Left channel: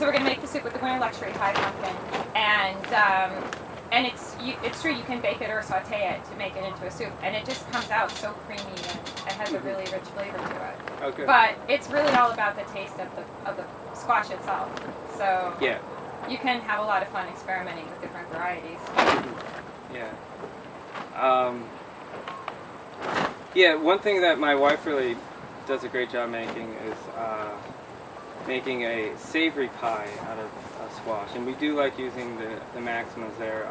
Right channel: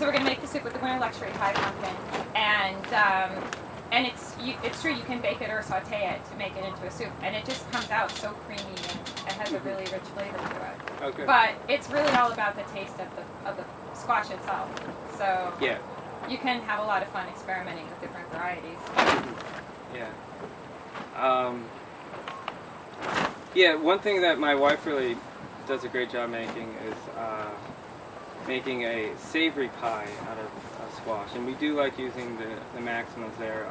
So we're going to make the soup with the winter luxury pie pumpkin, and it's true, you can bake it or saute it to make it into a soup, and it just comes out so creamy and it has a really rich flavor to it. Okay. But it's really all about the taste of the squash itself. So yeah, you can have a lot of fun experimenting with different varieties. yeah. Yeah, one thing that my wife really does a great job making is making a savory pie out of squash, and we do like using the maximas there.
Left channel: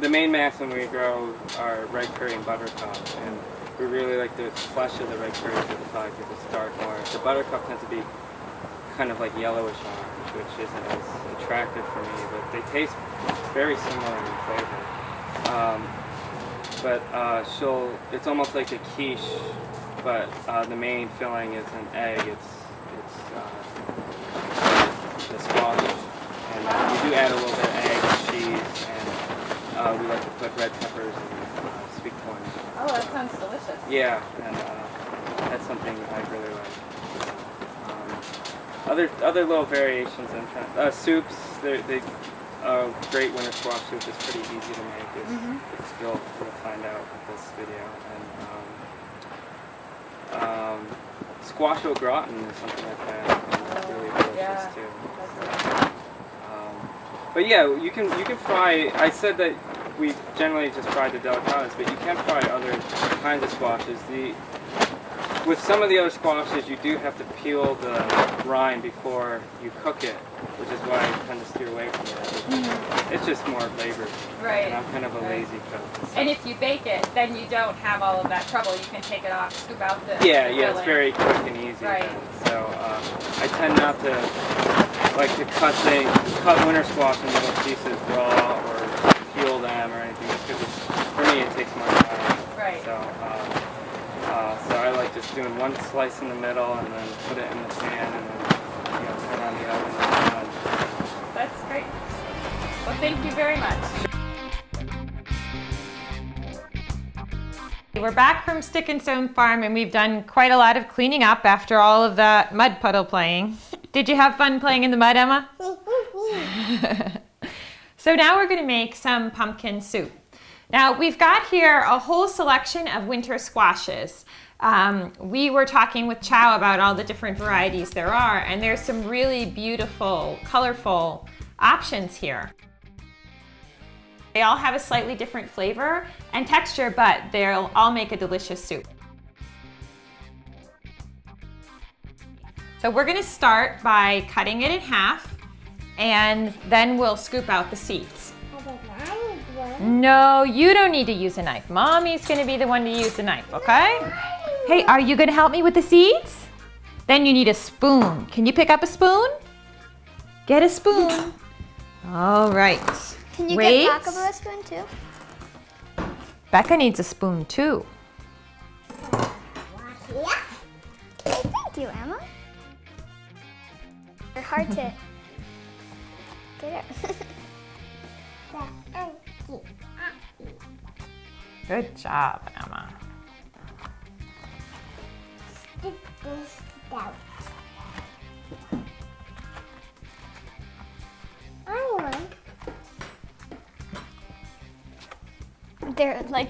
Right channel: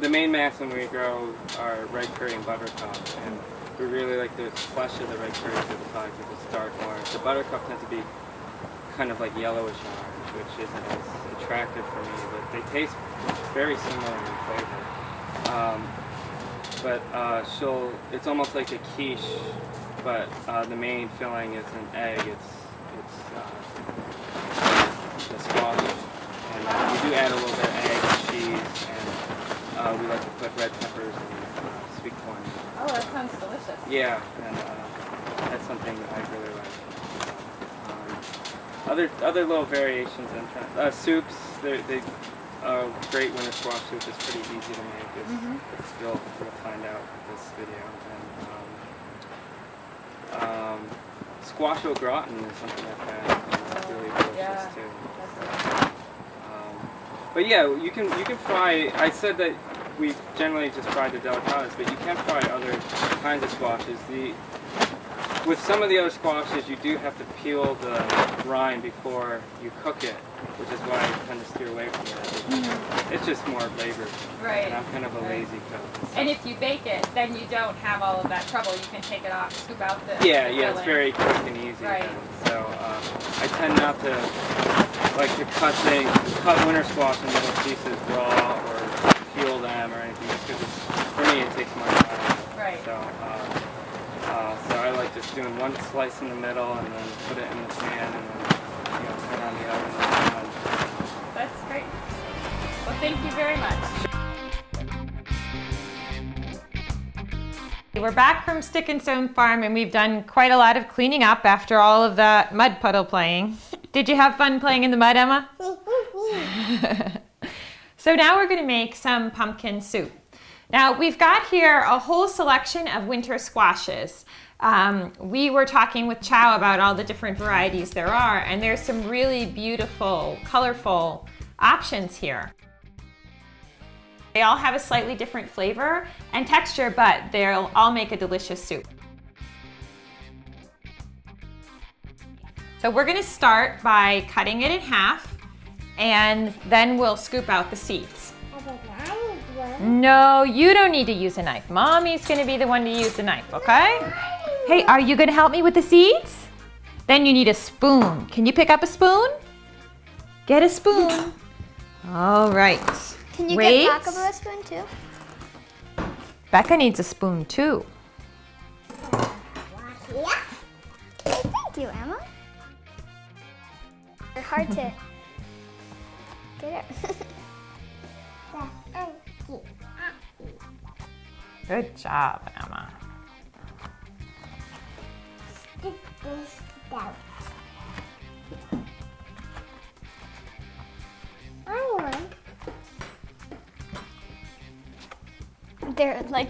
The main maximum we grow are red curry and buttercup, and we really like the flesh of the red curry for the pie because it's dark orange. The buttercup tends to be kind of like yellowish orange, which isn't as attractive for me, but they taste very similar in flavor. It's almost like a quiche, but the main filling is an egg. It's the squash, and we do add a little bit of egg, cheese, and we like to put red peppers and sweet corn. Oh, that sounds delicious. Yeah, and that's something I really like. Other little variations in soups. Great winter squash soup is pretty easy to make. You'll find out with this video. And squash au gratin is something like that. And it's really delicious too. But yeah, you can fry. I said that we generally just fry the delicatas, but you can fry other kinds of squashes. With some of the other squashes, you do have to peel the rind before you cook it, which is why I tend to steer away from it. It's just more labor. Right. And I'm kind of a lazy cook. So. And if you bake it, then you don't have all of that trouble. You can take it off, scoop out the filling. It's very quick and easy. Right. So I tend not to like to cut winter squash in little pieces raw or peel them or anything, because for me it takes more time. Right. So I like just doing one slice in the middle and then put it in the pan and then turn on the oven and it's done. That's great. Well, thank you very much. We're back from Stick and Stone Farm, and we've done quite a lot of cleaning up after all of that mud puddle playing. Did you have fun playing in the mud, Emma? So now we're going to make some pumpkin soup. Now we've got here a whole selection of winter squashes. We were talking with Chaw about all the different varieties there are, and there's some really beautiful, colorful options here. They all have a slightly different flavor and texture, but they'll all make a delicious soup. So we're going to start by cutting it in half, and then we'll scoop out the seeds. No, you don't need to use a knife. Mommy's going to be the one to use the knife, okay? Hey, are you going to help me with the seeds? Then you need a spoon. Can you pick up a spoon? Get a spoon. All right. Can you get Becca a spoon too? Becca needs a spoon too. Yeah. Thank you, Emma. You're hard to get it. Good job, Emma. Stick this out.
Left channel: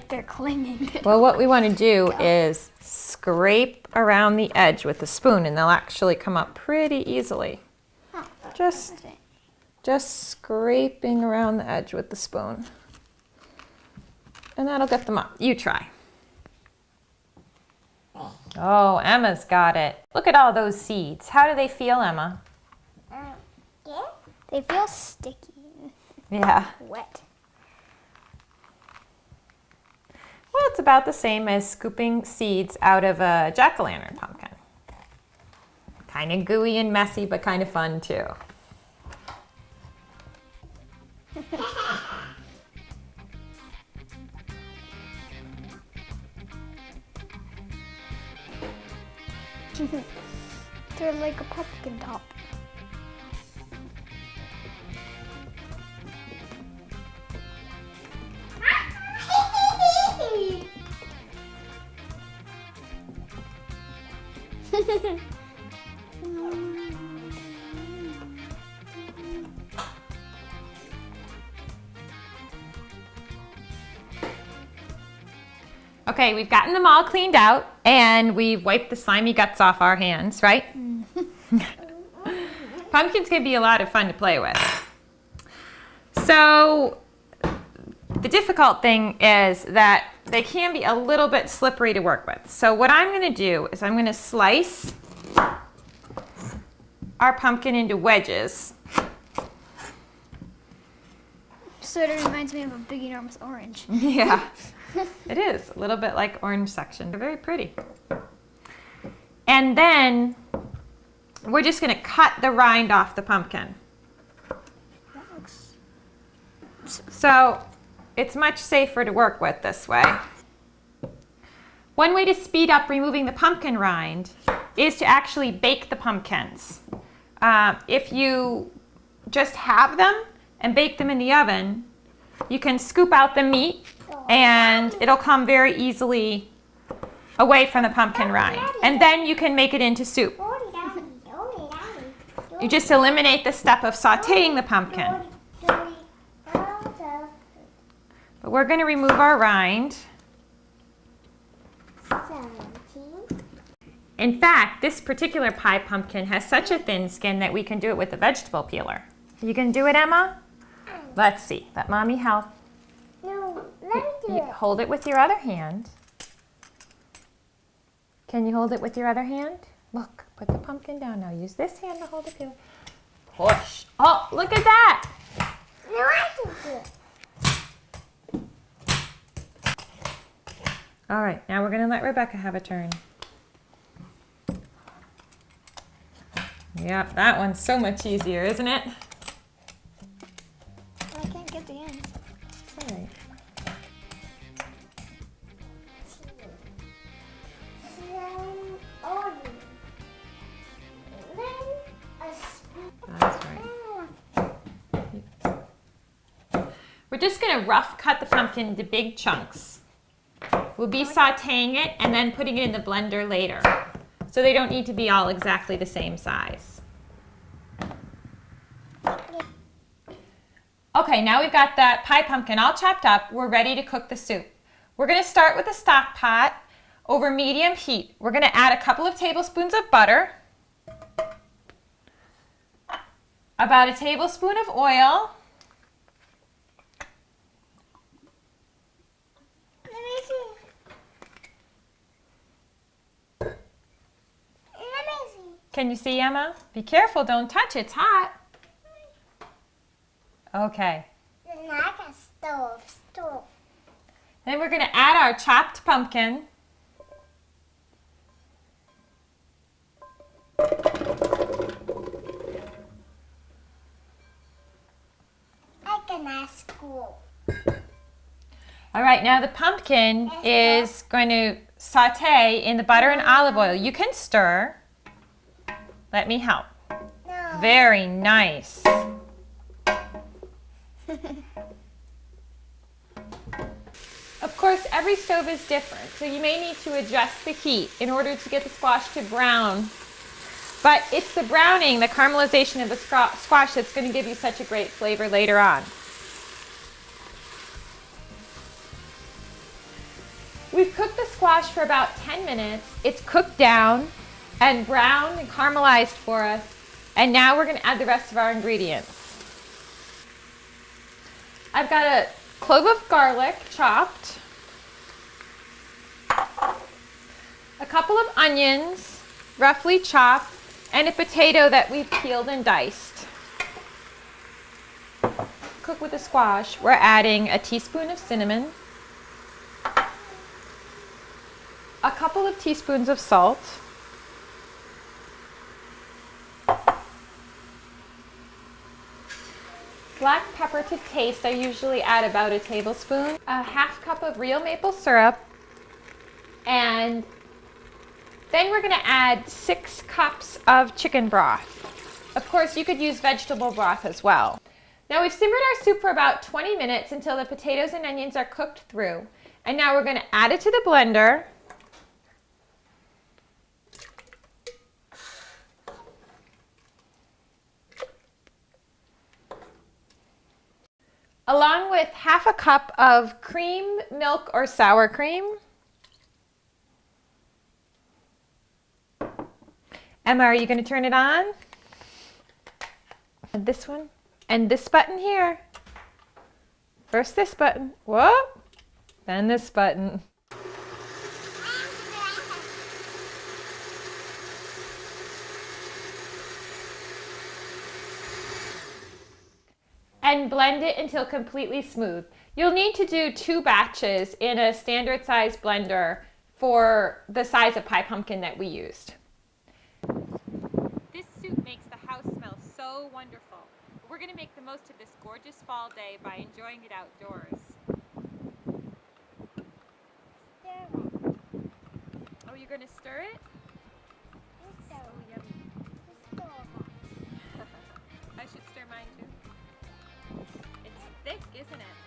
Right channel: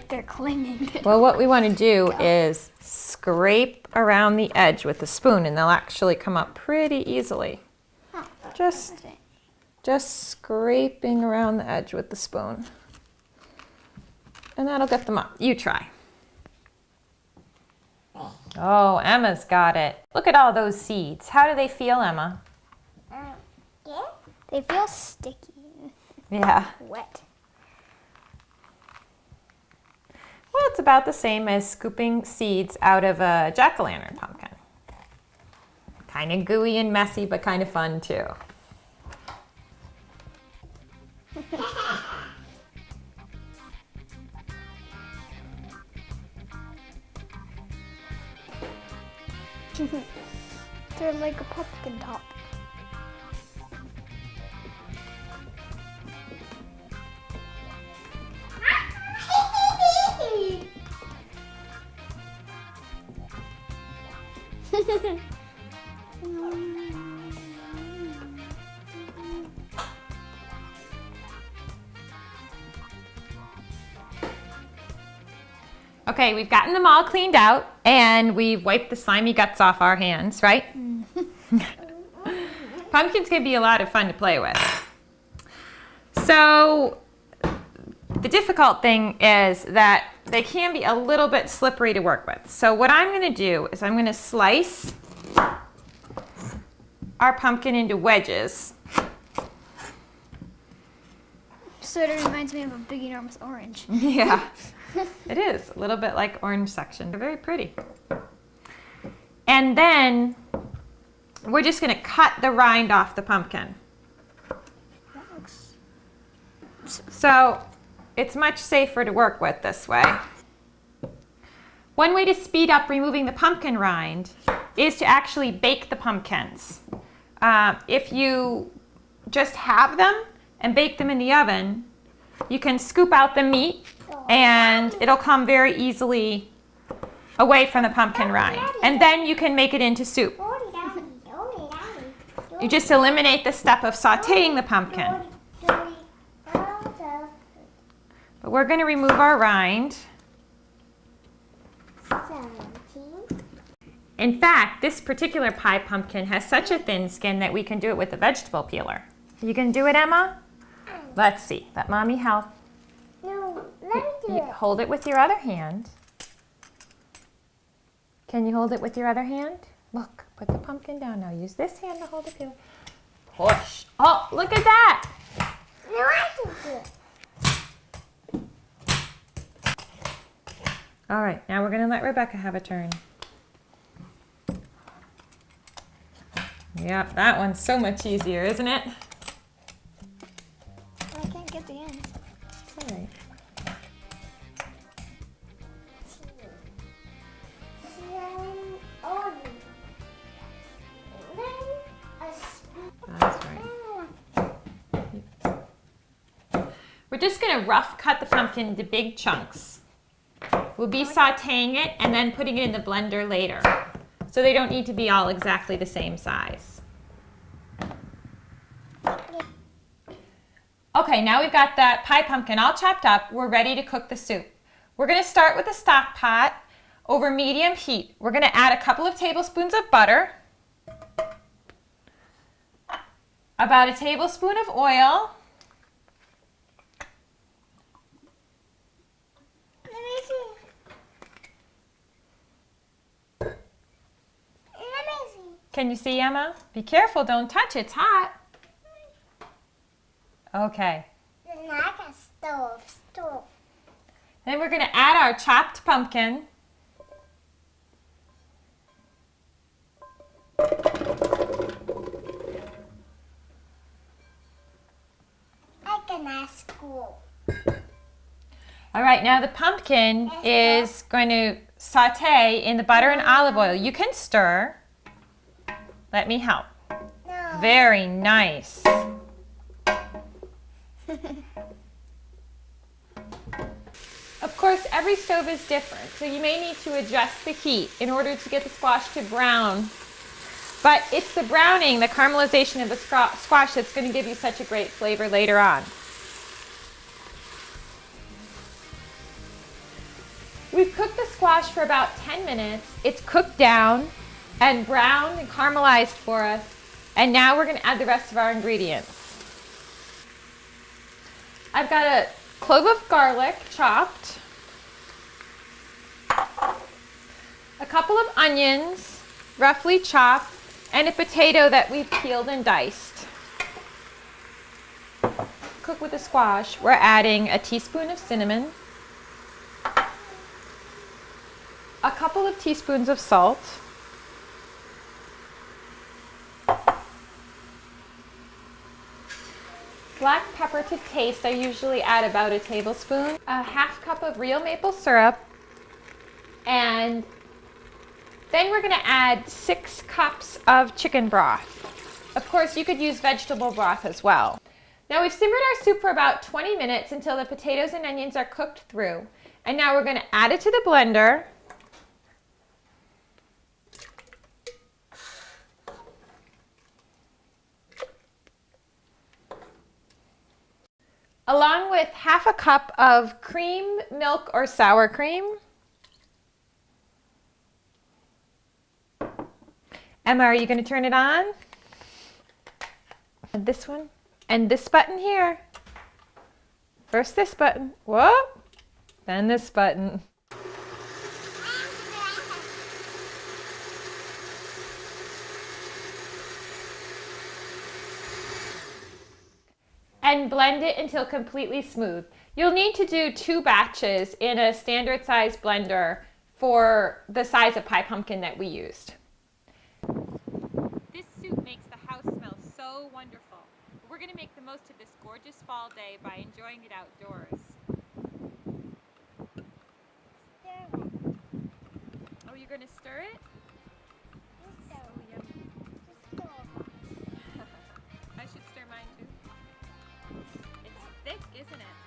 They're clinging. Well, what we want to do is scrape around the edge with the spoon, and they'll actually come up pretty easily. Just scraping around the edge with the spoon. And that'll get them up. You try. Oh, Emma's got it. Look at all those seeds. How do they feel, Emma? Yeah. They feel sticky. Yeah. Wet. Well, it's about the same as scooping seeds out of a jack-o'-lantern pumpkin. Kind of gooey and messy, but kind of fun too. They're like a pumpkin top. Okay, we've gotten them all cleaned out and we've wiped the slimy guts off our hands, right? Pumpkins can be a lot of fun to play with. So the difficult thing is that they can be a little bit slippery to work with. So what I'm going to do is I'm going to slice our pumpkin into wedges. Sort of reminds me of a big enormous orange. Yeah, it is a little bit like orange section. They're very pretty. And then we're just going to cut the rind off the pumpkin. That looks... So it's much safer to work with this way. One way to speed up removing the pumpkin rind is to actually bake the pumpkins. If you just have them and bake them in the oven, you can scoop out the meat and it'll come very easily away from the pumpkin rind. And then you can make it into soup. You just eliminate the step of sauteing the pumpkin. But we're going to remove our rind. In fact, this particular pie pumpkin has such a thin skin that we can do it with a vegetable peeler. You can do it, Emma? Let's see. Let Mommy help. No, let me do it. Hold it with your other hand. Can you hold it with your other hand? Look, put the pumpkin down now. Use this hand to hold the peeler. Push. Oh, look at that. No, I can do it. All right, now we're going to let Rebecca have a turn. Yep, that one's so much easier, isn't it? I can't get the end. All right. That's right. We're just going to rough cut the pumpkin into big chunks. We'll be sauteing it and then putting it in the blender later. So they don't need to be all exactly the same size. Okay, now we've got that pie pumpkin all chopped up. We're ready to cook the soup. We're going to start with a stock pot over medium heat. We're going to add a couple of tablespoons of butter, about a tablespoon of oil, Can you see, Emma? Be careful, don't touch, it's hot. Okay. Stove. Then we're going to add our chopped pumpkin. I can ask school. All right, now the pumpkin is going to saute in the butter and olive oil. You can stir. Let me help. No. Very nice. Of course, every stove is different, so you may need to adjust the heat in order to get the squash to brown. But it's the browning, the caramelization of the squash that's going to give you such a great flavor later on. We've cooked the squash for about 10 minutes. It's cooked down and browned and caramelized for us. And now we're going to add the rest of our ingredients. I've got a clove of garlic chopped, a couple of onions roughly chopped, and a potato that we've peeled and diced. Cook with the squash. We're adding a teaspoon of cinnamon, a couple of teaspoons of salt, black pepper to taste. I usually add about a tablespoon, a half cup of real maple syrup, and then we're going to add 6 cups of chicken broth. Of course, you could use vegetable broth as well. Now we've simmered our soup for about 20 minutes until the potatoes and onions are cooked through. And now we're going to add it to the blender. Along with half a cup of cream, milk, or sour cream. Emma, are you going to turn it on? And this one? And this button here. First this button. Whoop. Then this button. And blend it until completely smooth. You'll need to do 2 batches in a standard size blender for the size of pie pumpkin that we used. This soup makes the house smell so wonderful. We're going to make the most of this gorgeous fall day by enjoying it outdoors. Oh, you're going to stir it? So yummy. I should stir mine too. It's thick, isn't it?